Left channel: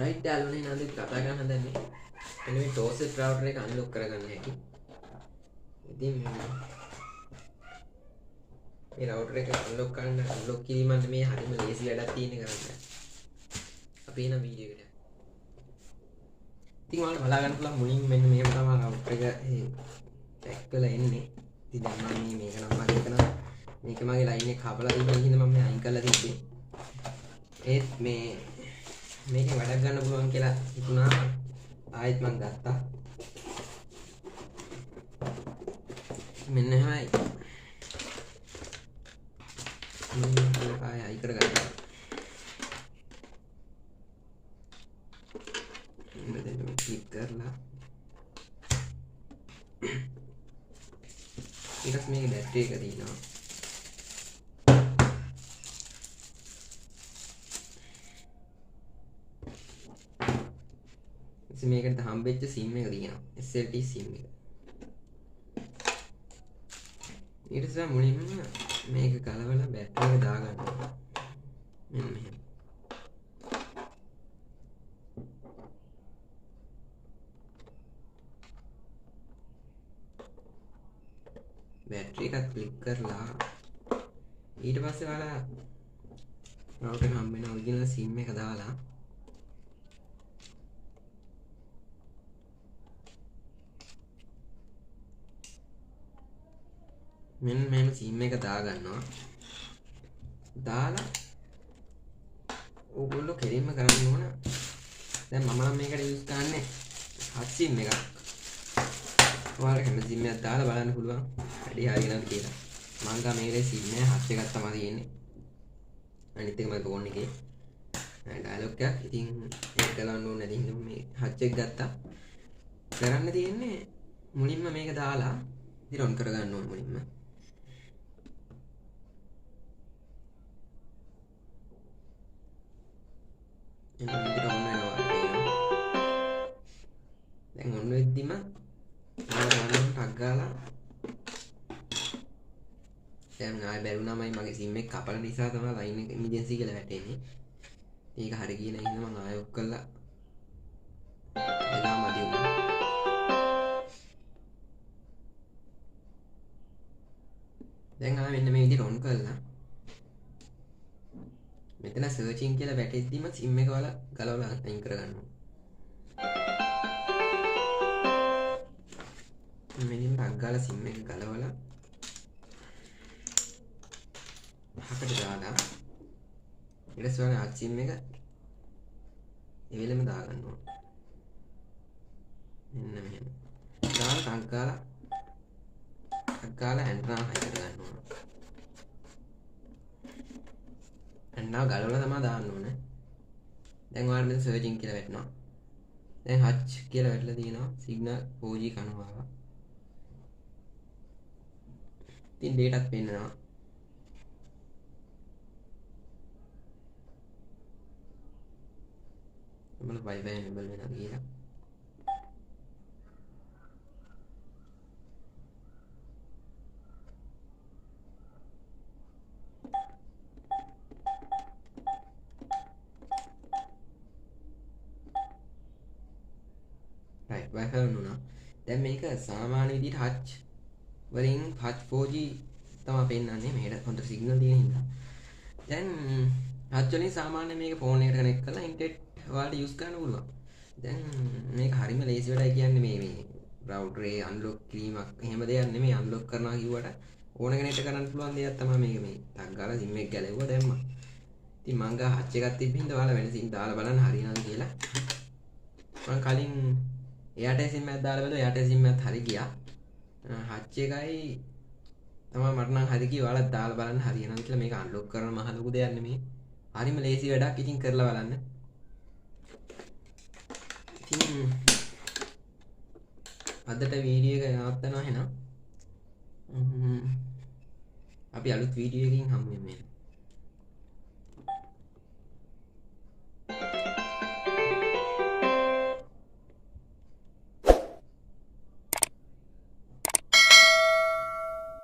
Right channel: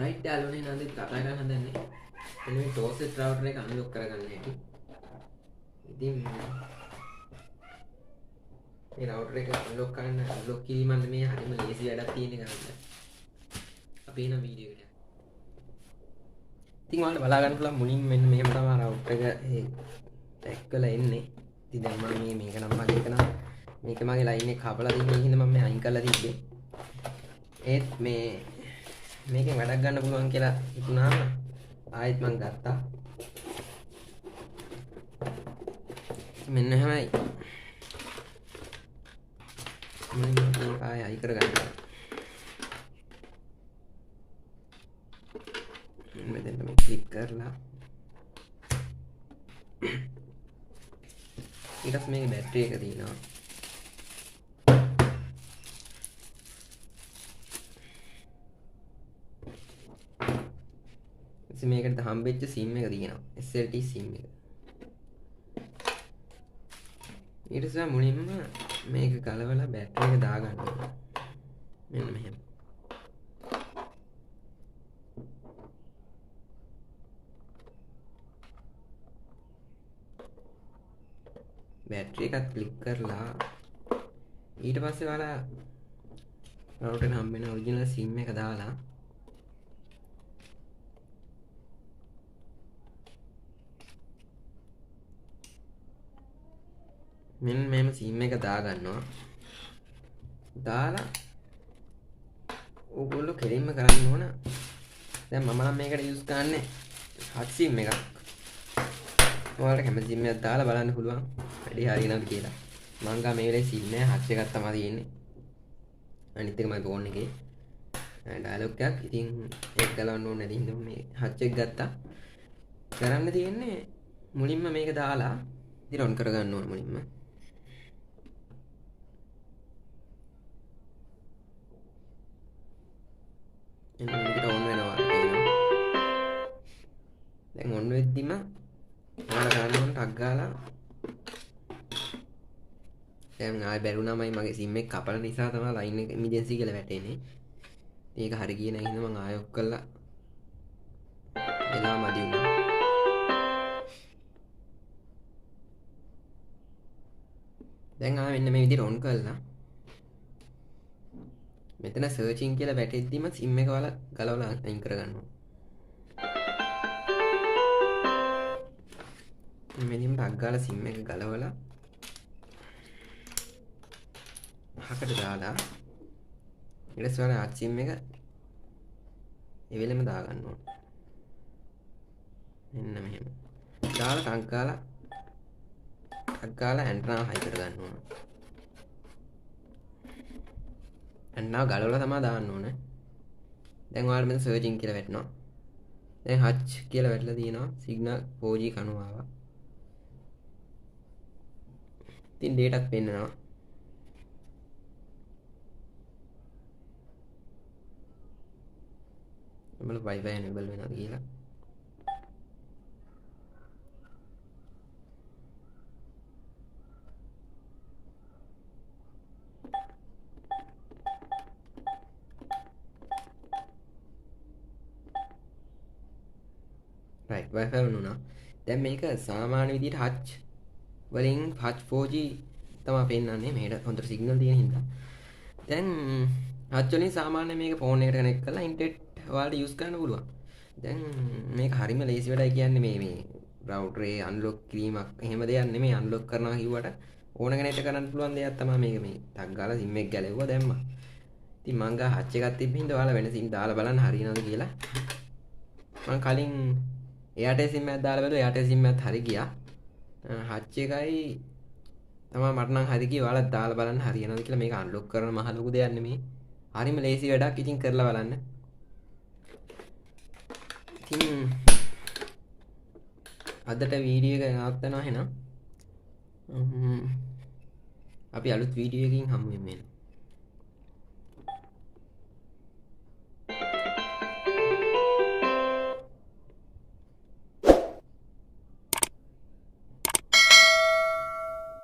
Right යාළුවනේ නේද කතා කරන්න හදන්නේ. එන්න මේ ටෝසෙට් රවුටර් එක අන්ලොක් කරගන්න හැටි. ඉතින් මේ රවුටර් එක අන්ලොක් කරන්න අන්ලොක් කිරීමත් මේ හරිම ලේසි වැඩක් තියෙන කරන්න. අපි එන වීඩියෝ එකට. ඉතින් ඔයාලට බලා ගන්න පුළුවන් මුලින් මෙන්න මේක තමයි රවුටර් එක පැක් කරලා එන්නේ. ඉතින් දැන් මම මේක නම් වගේ කරන මේක මගේ ලයින් එක කපලා තිබ්බ හින්දා මම අයින් කරලා තිබ්බේ. ඒත් මේකෙන් වැඩක් ගන්න පුළුවන් කියලා හිතුණාම ආයෙත් මම ගත්තා. මෙන්න හැමයි. මේක ආයෙ අයින් කරගන්න. මෙතන මේ ක්ලික් කරලා ඊට මේක බැටරි එක තියෙනවා. මේකට හම්බෙච්ච සිම් එක තියෙනවා SLT සිම් එක. ඊට පස්සේ මුලින්ම මේක ගලවලා බැටරි එක දාගන්න ඕනේ. මෙන්න මෙහෙම. බැටරි එකත් ක්ලික් කරලා ඊට පස්සේ ඔයාලා රවුටර් එක හම්බෙන ඔරිජිනල් සිම් එක දාලා මෙන්න මෙහෙම සිම් එක දාගන්නවා. දාලා ඕගොල්ලෝ කෙලින්ම කරන්න ඕන. දැන් මම නම් මේකට යූස් කරන්නේ හත් සිම් එකක්. ඔයාලට කැමති සිම් එකක් දාලා බලන්න පුළුවන්. වැඩි හරියනවද කියලා. මං ගා මේකේ සිම් එක හත් එකක් තමයි තියෙන්නේ. අනිත් එක මගේ ෆෝන් එකේ ඩයලොග් එකක්. ඉතින් ඒක ගලවන්න ඕනේ නැති හින්දා මේ හත් එක ගත්තා. කරන්න තියෙන්නේ මුලින්ම මේක දාලා ඉතින් ඔන් කරගන්න ඕනේ මුලින්ම. එන්න මේකට ඔන් වෙනවා කියනවා. දැන් ඔන් වෙද්දිම ඔයාලා ගන්න ටක් ගාලා දැන් ආයෙ බැලුණාමයි මගේ සිම් එක කපල නිසා තමයි ලයින් එක ඉමර්ජන්සි කියලා වැටෙන්නේ. ඒක හරි ගියේ නැහැ හින්දා මම ආයෙ ඔක් කළා. එනවා මදි වුණා. දැන් ආයෙ මෙන්න මේ විදිහට ඔන් කළා. මෙතන සර්චින් කියලා වැටෙද්දිම සිම් එක වල ගලවලා අයින් කරගන්න ඕනේ. මෙලින් ටක් ගාලා සිම් එක ගලවලා හකට දාලා ඊට පස්සේ අත් සිම් එක එවෙලෙම දාගන්න ඕනේ. මෙන්න මෙහෙම. දාලා ටක් ගාලා ඇන්ටනා හයි කරගන්න ඕනේ. ඇන්ටනා ගලවලා තමයි දාන්න ඕනේ. දැන් ඔයාලා මෙතන සර්චින් කියලා වැටෙනවා. දැන් හච් කියලා වැටලා තියෙනවා. සිග්නල් 4G කනවා ආවා. ඉතින් ඩේටාත් පෙන්නනවා. අපල Wi-Fi enable වෙනවා කියලා. right Wi-Fi වුණා. දැන් මේක සාමාන්‍ය විදිහට හච් වලින් හච් 4G තමයි පෙන්නන්නේ. මේකට හොඳ සිග්නල් තියෙන හින්දා. දැන් හච් වලින් සාමාන්‍ය මේක ෆෝන් එකට කනෙක්ට් කරලා ඉන්ටර්නෙට් ඔයාලට යූස් කරන්න පුළුවන්. දැන් මේක හරිම ලේසි වැඩයි කියන්නේ මේ රවුටර් එක අන්ලොක් කිරීමක් එහෙම දෙයක් නෙමෙයි. අන්ලොක් කරනවා කිව්වට ඕන කෙනෙක්ට කරන්න පුළුවන් දෙයක් තමයි මේක. මේ ටක් ගාලා සිම් එක ගැලෙවුවා දැම්මා. ඉතින් මං ගා හච් එකක් තිබ්බ හින්දා ඔයාලා වෙන සිම් දාලා බලන්න හරියනවද කියලා. මං කලින් එයාටල් සිම් එකක් දාලා බලුවා. එයාටල් සිම් එකත් හරි ගියා. හච් එකයි තමයි මට නම් හරි ගියේ. ඔයාලා දාලා බලන්න හරියනවද කියලා. මේක අන්ලොක් කරන මහ ලොකු දෙයක් නෙමෙයි. හරිම ලේසි වැඩක්. ඉතින් කරලා බලන්න. ඉතින් අදට වීඩියෝ එක නවත්තනවා එහෙනම්. අපි අලුත් වීඩියෝ එකකින් හමු වෙමු.